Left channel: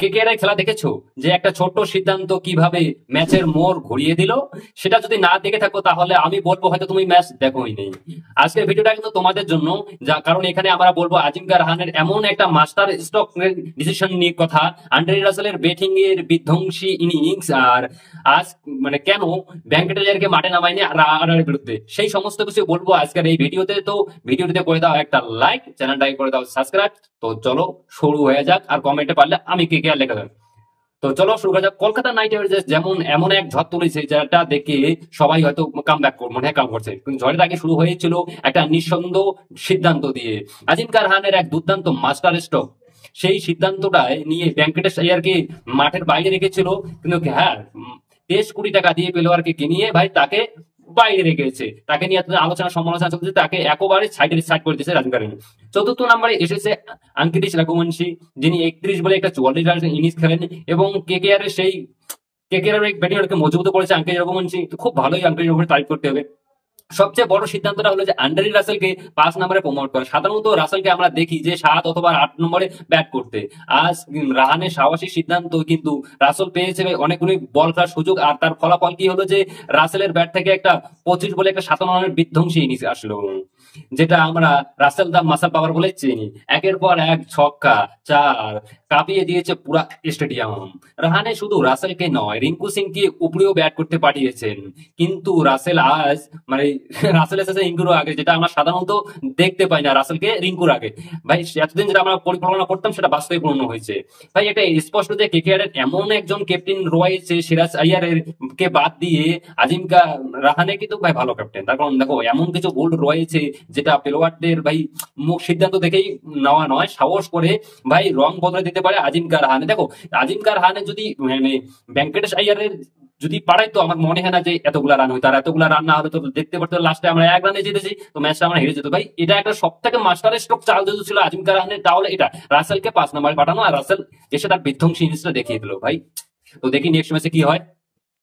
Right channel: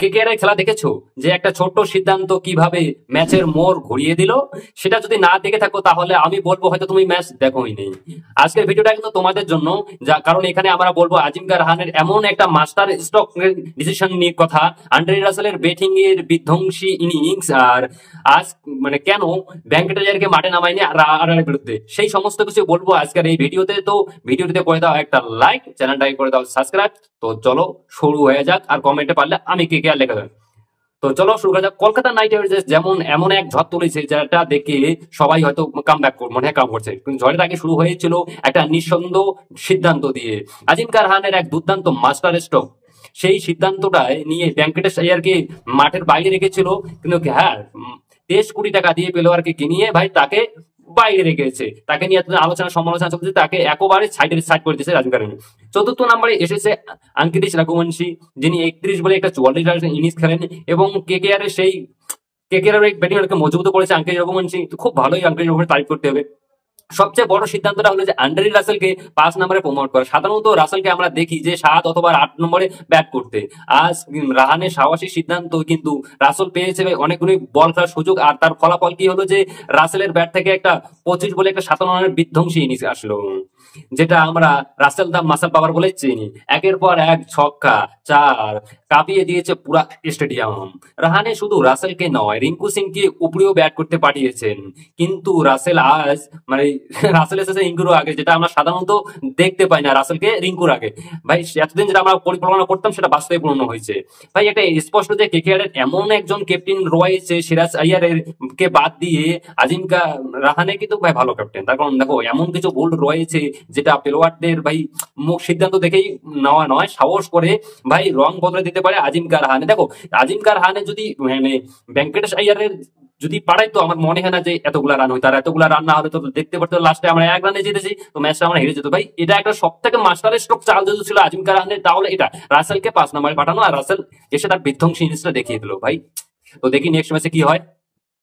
KKR এর খেলা দেখেছো যে একটা ছোট্ট সিদ্ধান্ত কিভাবে ম্যাচের মোড় ঘুরিয়ে দিল? সেটা যদি না দেখে থাকো তাহলে আমি বলবো হয়তো তুমি ম্যাচ দেখোই নি। আজকের ভিডিওটা কিন্তু তোমাদের জন্য, যা কারণ এখানে আমরা বলবো আজিঙ্কা রাহানের এমন একটা মাস্টার স্ট্রোক ডিসিশন নিয়ে কথা, আন্দ্রে রাসেলের ব্যাটিং এর বিধ্বংসী ইনিংস, আর আজ মানে কেন ভেঙ্কটেশকে মাঠে নামায়নি আর বিরুদ্ধে, সেই সমস্ত কিছু বলবো আজকের এই ভিডিওতে। তো ভিডিওটিতে করে দাও একটা লাইক, চ্যানেলটাকে করে দাও সাবস্ক্রাইব। তো চলো শুরু হয়ে যাক, আর কমেন্টে পারলে আমি কে কে আর লেখা দেবেন। তো চলো শুরু করা যাক। কলকাতা নাইট রাইডার্স যেমন এমন এক ঝড় তুলেছে যেটা দেখে সবাই হয়তো কাম ব্যাক মনে হয় কাম করছে, কিন্তু ঝড়ের আগে শুরু হয়েছিল একটা নিঃসন্দেহ সিদ্ধান্ত দিয়ে। আজিঙ্কা রাহানের এক দুর্দান্ত মাস্টার স্ট্রোক, সেই সিদ্ধান্তটায় নিয়ে ভেঙ্কটেশ আইয়ারকে মাঠের বাইরে রেখেছিল, কিন্তু হ্যাঁ 23 কোটি টাকা দিয়ে প্লেয়ারকে কিনিয়ে ভাই তাকে বাইরে রেখেছে। তাকে নিয়ে আলোচনা সমালোচনা চলছে, তাকে একেবারে সাইড করে দিয়েছে রাজীব গান্ধী। চতুর্থ নম্বরে এসেছে আঙ্কিতিশ রঘুবংশী, যিনি 31 বলে একটা 44 রান ইনিংস খেলেন, এবং কেকেআর এর সেই কেকেআর এর ব্যাটিংকে মজবুত করেছে আঙ্কিতিশ রঘুবংশী। খুব ভালোই আঙ্কিতিশ রঘুবংশী তারিফ করতে হবে। সবচেয়ে বড় সিদ্ধান্তটা হলো যে আন্দ্রে রাসেলকে 5 নম্বরে প্রমোট করে। সাধারণত রাসেলকে আমরা দেখি যে 7 অথবা 8 নম্বরে ব্যাট করতে। আজ রাহানের সাহসী সিদ্ধান্ত, কিন্তু রাসেল পেয়েছে অনেকগুলি বল খেলার সুযোগ, আর তার ফলাফল কি হলো যে রাসেলের ব্যাট থেকে একটা 25 বলে একটা 57 রানের বিধ্বংসী ইনিংস আসলো, যেটা আমরা রাসেল দা মাসাল পাওয়ার বলে চিনি। একের পর এক ছক্কা, চার কাঁপিয়ে দিয়েছে পুরা স্টেডিয়াম। রাহানে শুধু রাসেলকে নয়, রিঙ্কু সিংকে উপরেও ব্যাট করতে পাঠিয়েছেন, কিন্তু রাসেল আজ মানে রাসেল এসেছে রিঙ্কুর আগে, যেটা আমরা সাধারণত দেখতে পাই না রাসেলকে রিঙ্কুর আগে। ভাই এতদিন যেটা আমরা পরিকল্পনা করতাম সেটা বাস্তবে পূর্ণ হয়েছে। ভাই এটা স্পষ্ট যে কেকেআর এর এমন একজন ক্যাপ্টেন রয়েছে, সিরাজ আইয়ারের কে বাদ দিয়ে আজিঙ্কা রাহানে কিন্তু ভাই ভালো ক্যাপ্টেন। তার কারণ দেখো এমন কিছু বোল্ড রয়েছে যেটা প্লেয়ারদের ভাই মুখ সিদ্ধান্ত দেখেই নেওয়া নয়, সাহস করে ভাই রং বদলে দিতে পারে আজিঙ্কা রাহানে। দেখো আজিঙ্কা রাহানে যদি মানে ভেঙ্কটেশ আইয়ারের যদি পারাইতো, আমার মনে হয় না যে এতগুলা রান হইতো। আর এতগুলা রান না হলে তো দেখতে পারতো লাস্টে আমরা 1 রানে জিতেছি, তো ম্যাচটা আমরা হেরে যেত। ভাই এটা একটা সব থেকে মাস্টার স্ট্রোক চাল যদি ছিল আজিঙ্কা রাহানের, তাহলে এটা রাসেলকে 5 নম্বরে পাঠানো, আর রাসেল এসে তার বিধ্বংসী ইনিংসটা দেখিয়ে দিল ভাই। তো দেখি নেক্সট ম্যাচে কি হয়।